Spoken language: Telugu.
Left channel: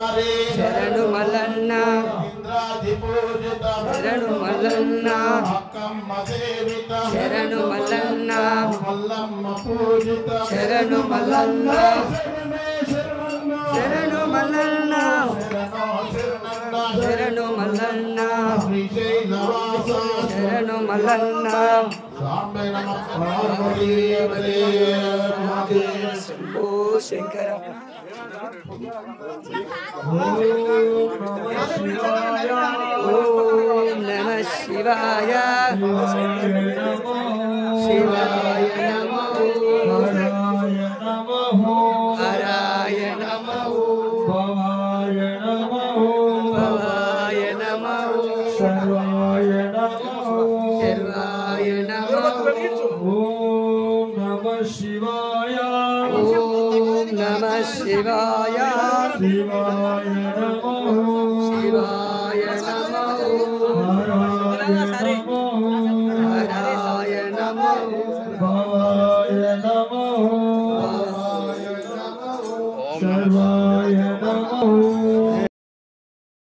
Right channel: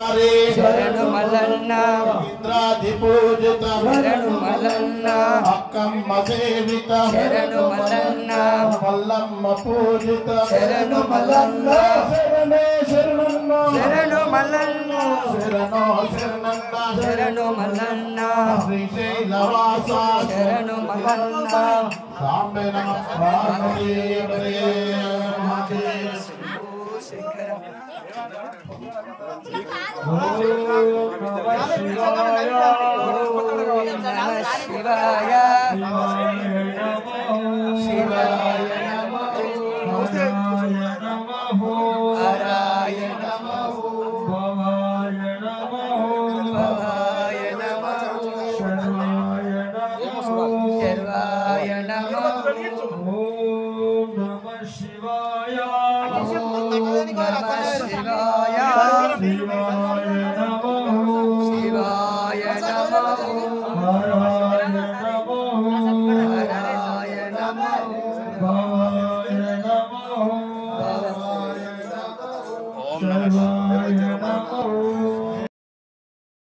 శరణు మల్లన్న శరణు మల్లన్న శరణు మల్లన్న శరణు మల్లన్న శరణు మల్లన్న శరణు మల్లన్న శరణు మల్లన్న శంకర ఓం నమః శివాయ శివాయ నమః హరాయ నమః భవాయ నమః శర్వాయ నమః ఓం నమః శివాయ ఓం నమః శివాయ శివాయ నమః హరాయ నమః భవాయ నమః ఓం నమః